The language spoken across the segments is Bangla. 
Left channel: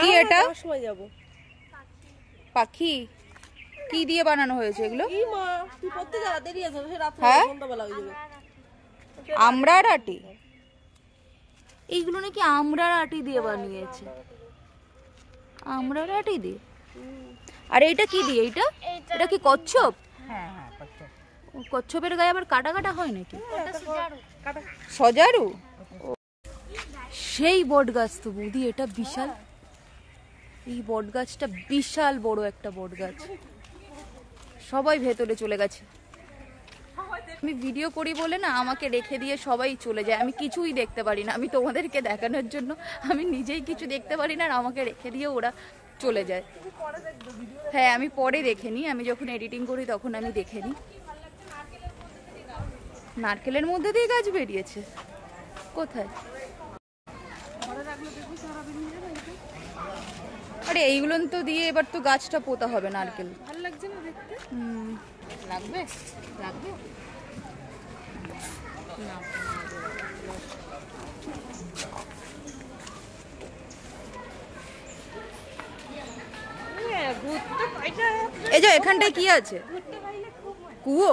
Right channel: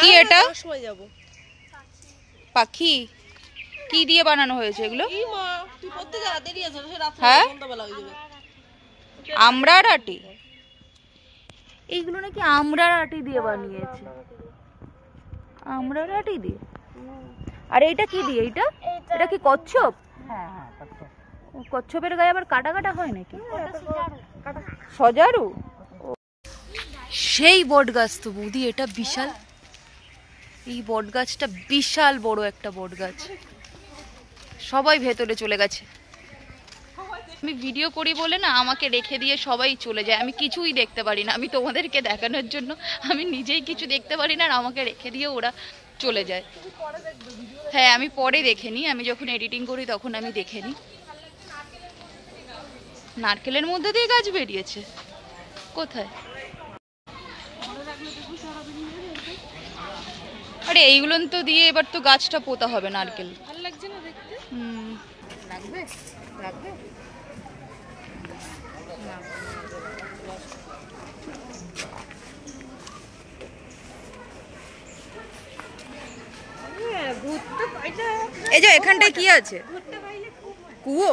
কি এটা পাখি কি দিয়ে বানানো হয়েছে এগুলো? হ্যাঁ আমড়ার আটি, এইগুলো নাকি আমড়ার আটি দিয়ে বানিয়েছে। আমড়ার আটি দিয়ে? আর এইটা কি দিয়ে? এটা কি কচ্ছপ? কচ্ছপের গায়ে আবার কাটা কাটা হয় নাকি? সজারু? সেই বট গাছ তো বৌদি, এটা বিশাল। এই বট গাছটা বিশাল বড় একটা বট গাছ। সবাই ভেতরে চলে গেছে। আমি ভিডিও করি বলে না আমাকে রেখে দিয়ে সবাই চলে যায়, আমি কিছুই দেখতে পারি না। আমি তোমাদেরকে দেখানোর জন্য আমি নিজেই কিছু দেখতে পারি না, আর আমাকে রেখে দিয়ে ওরা চলে যায়। হ্যাঁ আমি পরে দেখে নিই, আমি যখন এডিটিং করি তখন আমি দেখে নিই। নারকেলের মধ্যে দিয়ে গাছ বেরিয়েছে কোথায়? আরে এইগুলো তো দিয়ে এবার তো গাছটা পোতা হবে। নারকেল ভালো লাগছে না দেখতে? লাগবে লাগবে। এই যে এখানটায় কি আছে? কুয়ো?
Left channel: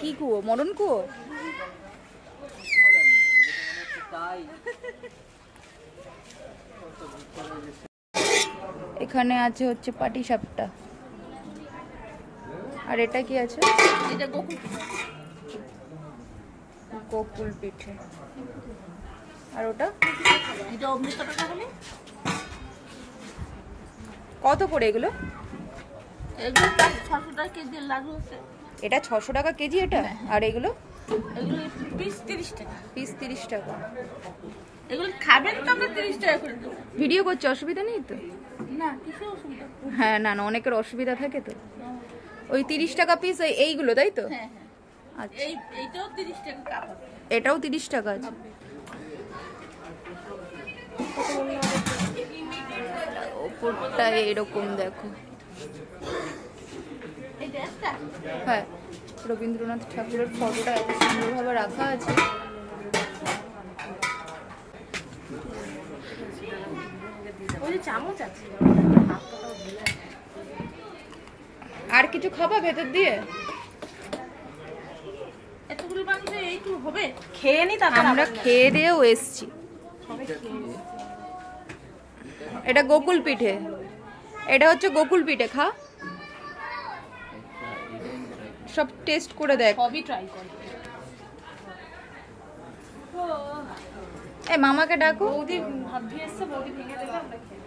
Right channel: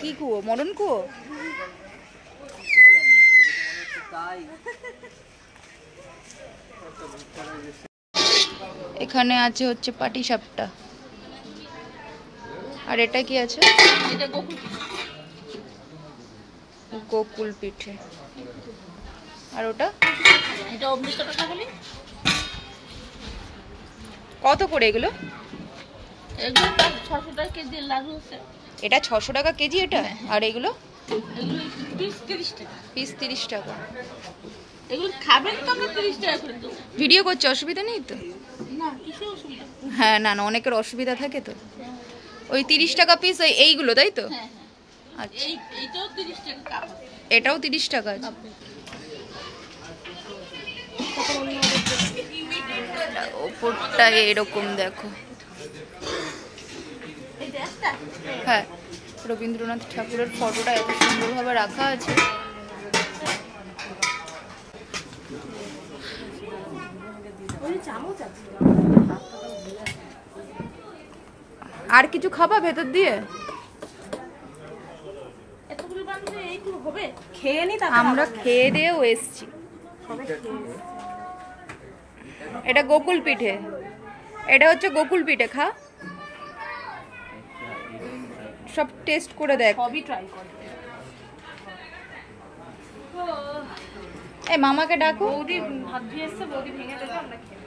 কি কুয়ো? মরণ কুয়ো? এখানে আছে হচ্ছে পাটি সাপটা। আর এটা কি আছে? এটা গোকুল পিঠে। আর ওটা কত করে এগুলো? এটা 600 টাকা কেজি এটা? আর এগুলো? পিস 30 টাকা। ভিডিও করছে, অসুবিধা নেই তো? হ্যাঁ না না, অনেকের অসুবিধা থাকে তো। ওই 30 টাকা পিস এইগুলো, তাই তো? আচ্ছা এটাও 30 টাকা আছে। ওপরটা এরকম দেখো। হ্যাঁ রবীন্দ্রনাথ ঠাকুরের ফটোটা এত সুন্দরভাবে রাখা আছে। আর কিছু খাবা ভেতর দিয়ে? খেয়ে নি, আমরা খেয়ে দিয়েও এসছি। এটা গোকুল পিঠে, এটা হচ্ছে গোকুল পিঠে। খা, সব টেস্ট করে দেখ। এ মামাকে ডাকো। বৌদি ভাত দিয়ে এসছে, বৌদি ভেঙে দেবে, আমরা খেয়ে।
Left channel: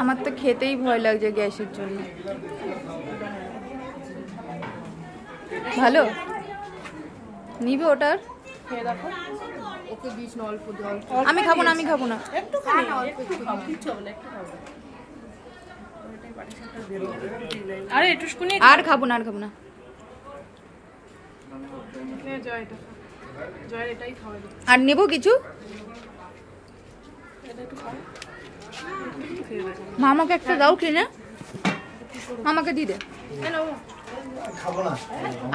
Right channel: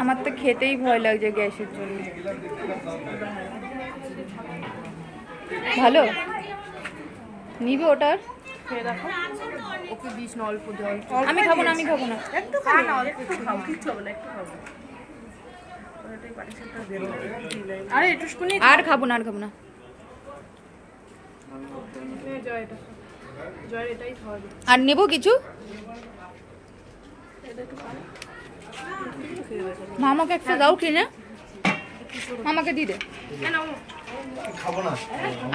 আমার তো খেতেই ভয় লাগছে গ্যাসের জন্য। ভালো নিবে ওটার? ওকে দিস না অল্প জল। আমি খাবো না, আমি খাবো না। আর খাবো না, আর খাবো না। আর নেবো কিছু? মামাকে একটা দাও কিনে, মামাকে দিয়ে দে।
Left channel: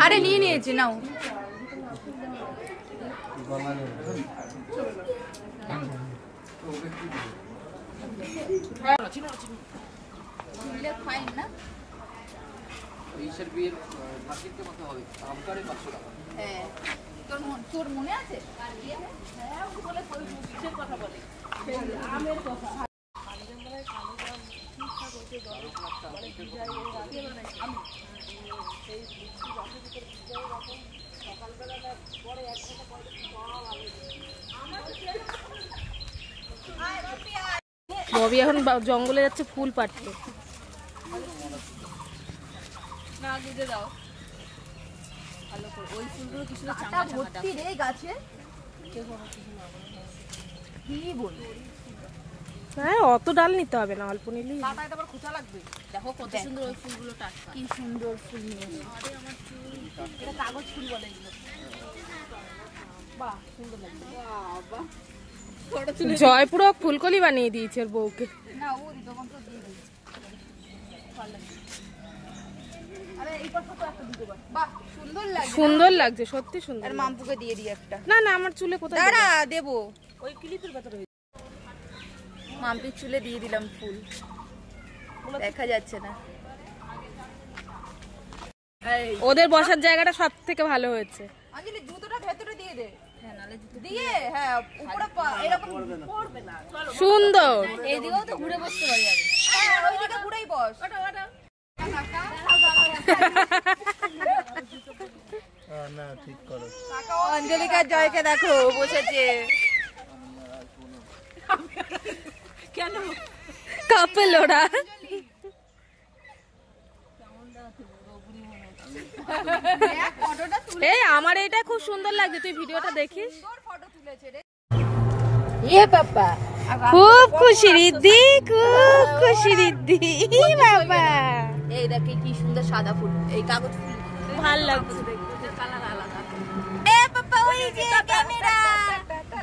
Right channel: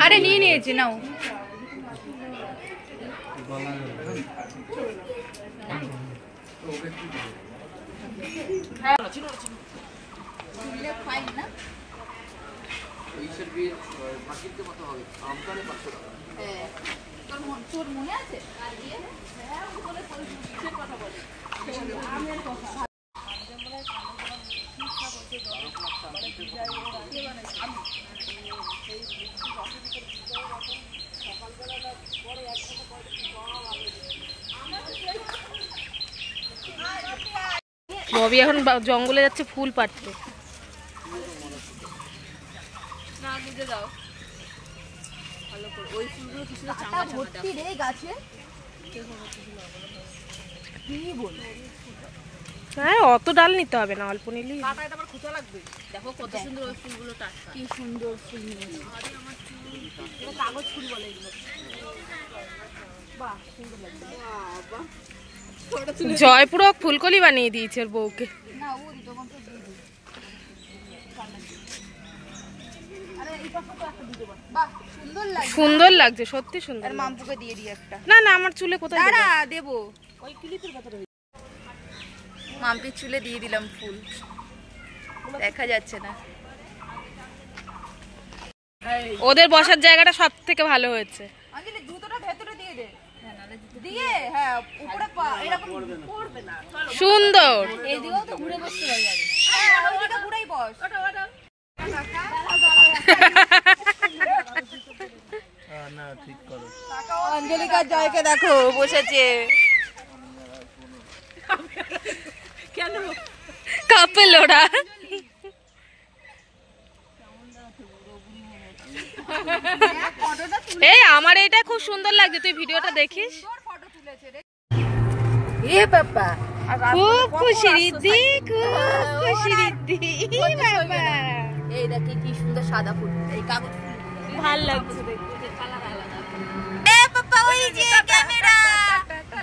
আরে নিয়ে নিয়েছি, নাও। তোর মনে আছে? ববি এখন জঙ্গলে যাচ্ছে ফুল পাড়তে। ভর্তি রে গাছে, কি বল? হ্যাঁ অত ডাল নিতে হবে না, অল্প নিলেই দেখো কত সুন্দর ওই ফুলগুলো টাটকা, কি সুন্দর ফুল নিয়েছে। এটা কাগজ ফুল বলে এগুলো। বাহ সুন্দর লাগছে। বাবা জয়পুর ফুলকলি বানিয়ে দিয়েছে ওর বউকে। না ও তখন তো দিয়ে দিই। আরে এই পাশে তো একটা দিতে পার। বাহ সুন্দর লাগছে, সুন্দর লাগছে, সত্যি সুন্দর। আর মামপুকে দিয়ে দিই একটা। না না আমার চুলে কোথায় দেব? না দেবো, ওই ক্লিপের ভেতরে। মাম্পির চুলে দিয়ে দিলাম ফুল, দেখা যাচ্ছে না। ওদের বসার জায়গাটা সব থেকে ভালো হয়েছে। আঙ্কেল জুতোটা ভেতরে দিয়ে দে। হ্যাঁ নালে জুতো দিয়ে, হ্যাঁ উপরে পা এরকম পড়বে না। সুন্দর। এই দিকেও তো ঘুরে বসতে পারি আমি। ওই দিকে ঘুরেই বস। ওটা ওটা না ঠিক করো। অঞ্জলিকা জয়কে দেখো বসেছে। কেন কাপল ওরা। এই আমার এটা খুব সুন্দর লাগছে, তুই ভিডিওটা দেখিস। এ বাবা খুব খুশি রিদ্ধি, খুব খুশি রিদ্ধি বাবা। এই দেখে কি সুন্দর সাদা ফুল, এই কাগজ ফুল ভাল লাগছে দেখতে। এ বাবা ওই যে ক্যামেরা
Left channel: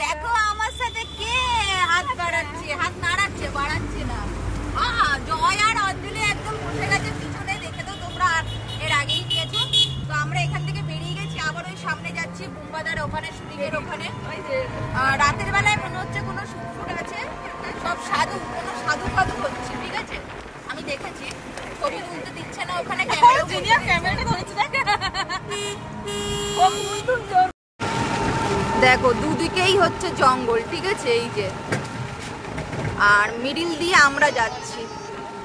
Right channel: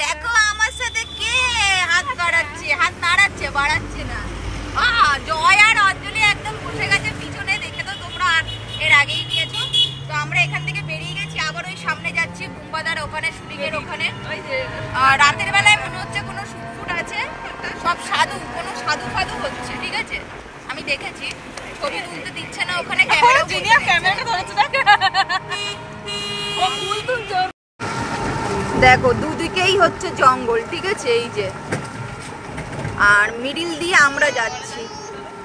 দেখো আমার সাথে কে হাত বাড়াচ্ছে, হাত নাড়াচ্ছে, বাড়াচ্ছে না। জয় আর অঞ্জলি একদম বসে গেছে পিছনে, দেখে তো তোমরা এর আগেই নিয়েছো। তো আমরা এখান থেকে বেরিয়ে গেছি, আবার ওই সামনে যাচ্ছি বুম্বাদার ওখানে, শুটিংয়ের ওখানে। আর রাতের বেলায় মনে হচ্ছে কোনো শুটফুট আছে, সব সাধু, কোনো সাধু ফাধু হচ্ছে, ঠিক আছে। আমি দেখেছি ছবি তুলতে দিচ্ছে না ওখানে, দেখো দুদিকেই হচ্ছে জঙ্গল, ঠিক আছে। এই যে আর মিডিল দিয়ে আমরা যাচ্ছি,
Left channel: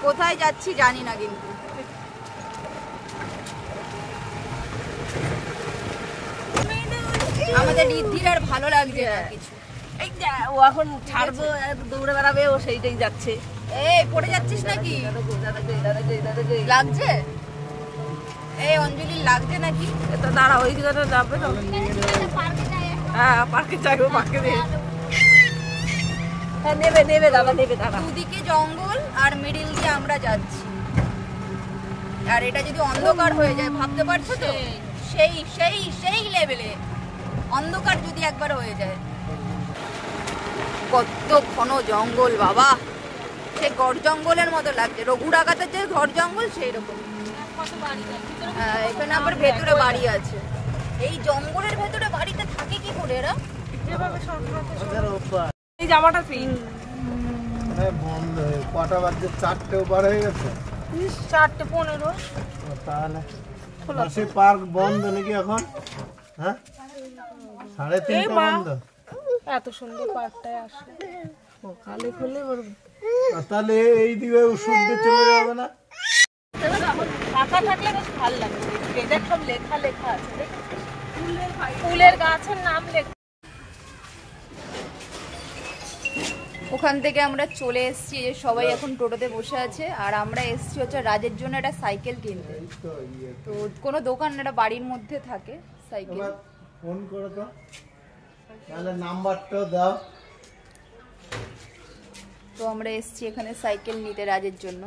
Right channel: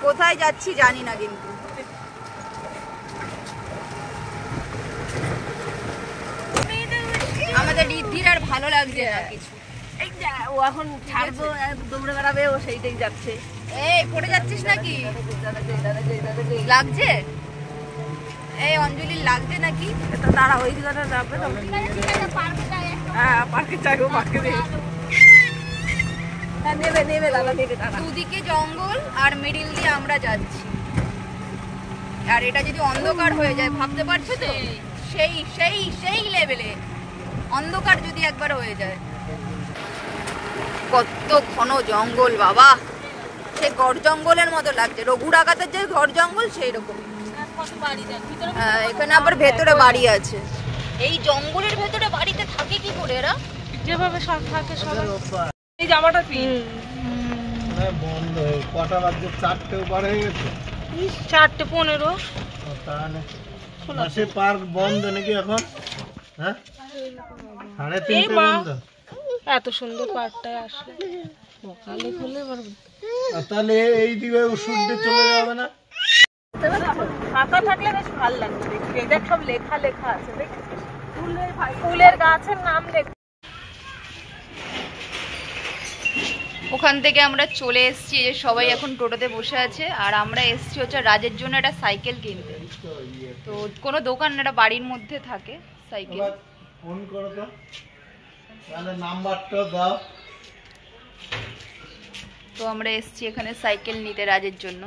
কোথায় যাচ্ছি জানি না, কিন্তু আমাদের রিদ্ধির আর ভালো লাগছে না কিছু। এই ও এখন ছাড়বো, দৌড়ে বেড়াবে, ও সেইটাই যাচ্ছে। এই পড়ে যাচ্ছিস নাকি? লাগছে? এই অঞ্জলির লাগছে নাকি? তো তারা ওই দিকে যাবে। হ্যাঁ পার্কে যাবো, পার্কে নেবে নেবে দাদা, নেবে দাদা। দুদিকে জঙ্গল আর মিডিল দিয়ে আমরা যাচ্ছি। আর এটা যদি অন্ধকার হয়ে যায়, ভাবতে পারছো তো, সেই সেই সেই লেভেলে অন্ধকার যদি একবার হয়ে যায়। কত ঘন জঙ্গল বাবা, সে গড় জঙ্গলের মতো লাগছে। রঘু ডাকাতের যে ঘর জঙ্গল সেই রকম। এখানে আবার ভেতরে বাড়ি আছে। এই জঙ্গলের ভেতরে বাড়িতে থাকে কি করে এরা? যেভাবে সব থাকে সব। এই জামাটা পিন বন্ধ কটা বাজে? 4টে উপর হয়ে গেছে। 4:15। তাহলে মাসে পার্ক বন্ধ নাকি এখন? হ্যাঁ 3:30 বন্ধ। এত সুন্দর পার্কটায় আসলে সকালে খুলে তাহলে এই দিকে ওষুধ দিয়ে চলে যাবে না? ফাঁকা থাকলে বেশ ভালো লাগে দেখতে। দেখ সব লেখা লেখা আছে, দেখ ফুলের গাছের নাম লেখা। ওখান থেকে আমরা চলে এসেছি, যে সবাই এখন টোটোতে বসে আছে। আর আমরা এসেছি হচ্ছে রাজের জন্য একটা সাইকেল কিনতে। তো কোনো দোকান, একটা বাড়ির মধ্যে থাকে সাইকেল। ফোন করো তো, তাহলে নাম্বারটা দাও। তো আমরা এসেছি এখানে সাইকেল নিতে রাজের জন্য।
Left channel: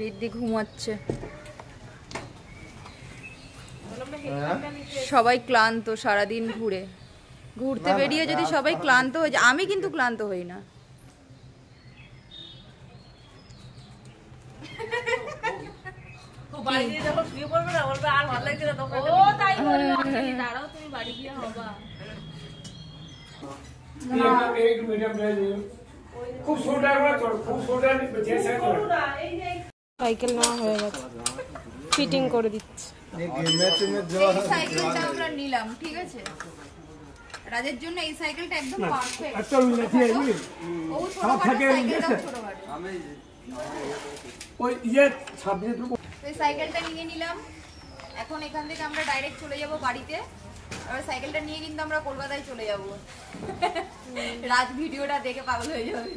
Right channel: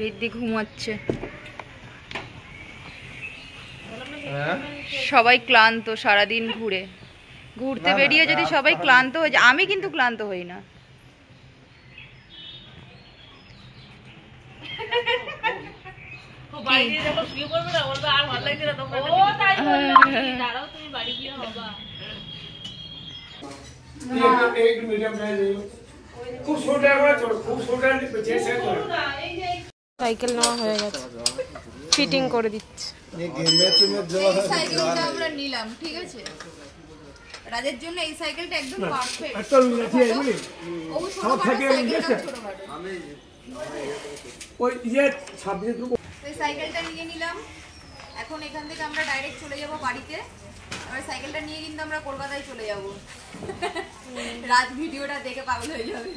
রিদ্ধি ঘুমাচ্ছে, সবাই ক্লান্ত সারাদিন ঘুরতে বেরিয়ে। যদি সবাই ক্লান্ত হয়ে যায়, আমি কিন্তু ক্লান্ত হই না। সাইকেল নেওয়া হয়ে গেছে, ফিটিং করে দিচ্ছে। আমরা নিলাম, ঠিক আছে। রাজের জন্য এই সাইকেলটা একদম পারফেক্ট। এই সাইকেলটা নিয়ে নিলাম। এখন এখান থেকে আমরা ডাইরেক্ট চলে যাব বাড়িতে। আর সাইকেলটা নিয়ে কিন্তু আমরা কলকাতায় চলে যাব। রাত ভিডিওটা দেখে পাগল হয়ে যাবে।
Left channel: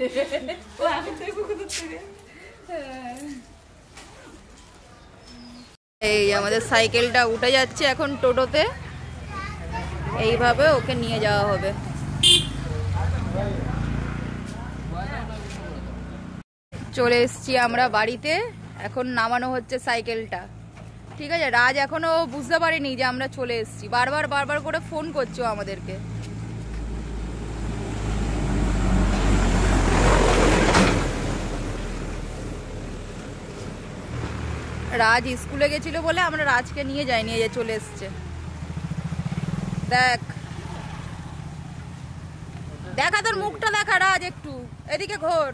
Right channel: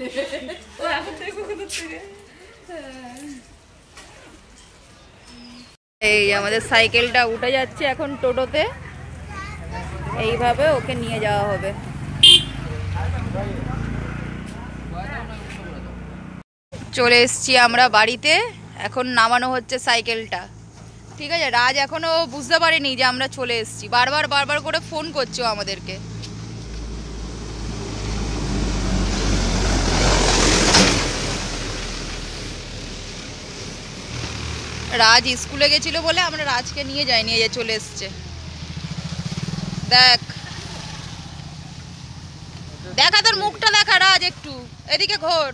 এই আমাদের সাইকেলটা উঠে যাচ্ছে এখন টোটোতে, এইভাবে ওকে নিয়ে যাওয়া হবে। চলে এসছি আমরা বাড়িতে, এখন নামানো হচ্ছে সাইকেলটা। ঠিক আছে, রাজ এখনো বুঝতে পারেনি যে আমরা চলে এসছি, বারবার করে ফোন করছো আমাদেরকে। রাজ স্কুলে গেছিল বলে আমরা রাজকে নিয়ে যাইনি, এই যে চলে এসছে। দেখ দেখা তোর মুখটা দেখা রাজ, একটু এদিকে ঘোর।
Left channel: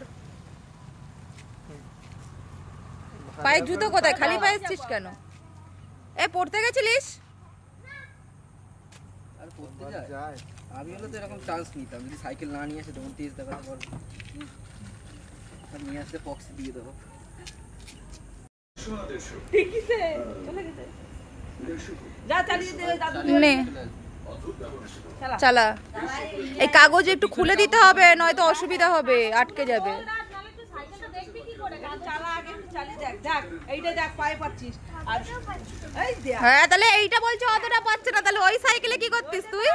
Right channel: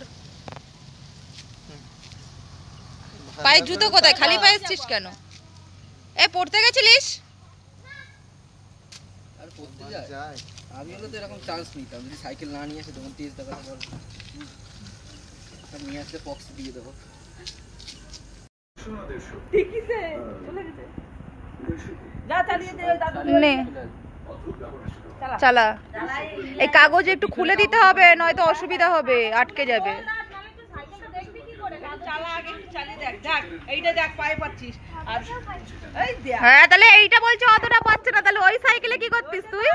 পায়ের জুতো কোথায়? খালি পায়ে এসছিস কেন? এ পড়তে গেছিলিস? আর পড়তে যায় আমি হলে তো এরকম চান্স নিতাম, যদি সাইকেল না নিয়ে আসে তখন তেজ দেখাতে পারবো, আর নিয়ে আসলে পক্স দিয়ে দেবো। নে চালা, এই কাগজ একটু খুলে দিতে হবে, নয়তো অসুবিধা হবে, আটকে যাবে। হ্যাঁ তাহলে এইটা বলছো অতটা পাচ্ছে না, তাহলে ওই সাইকেলে কি করতিস তুই?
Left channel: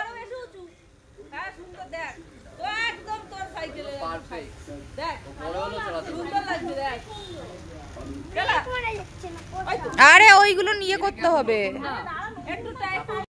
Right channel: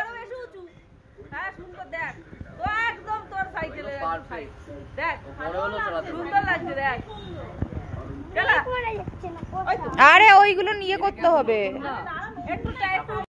আরে ওইগুলো নিয়ে করতে হবে।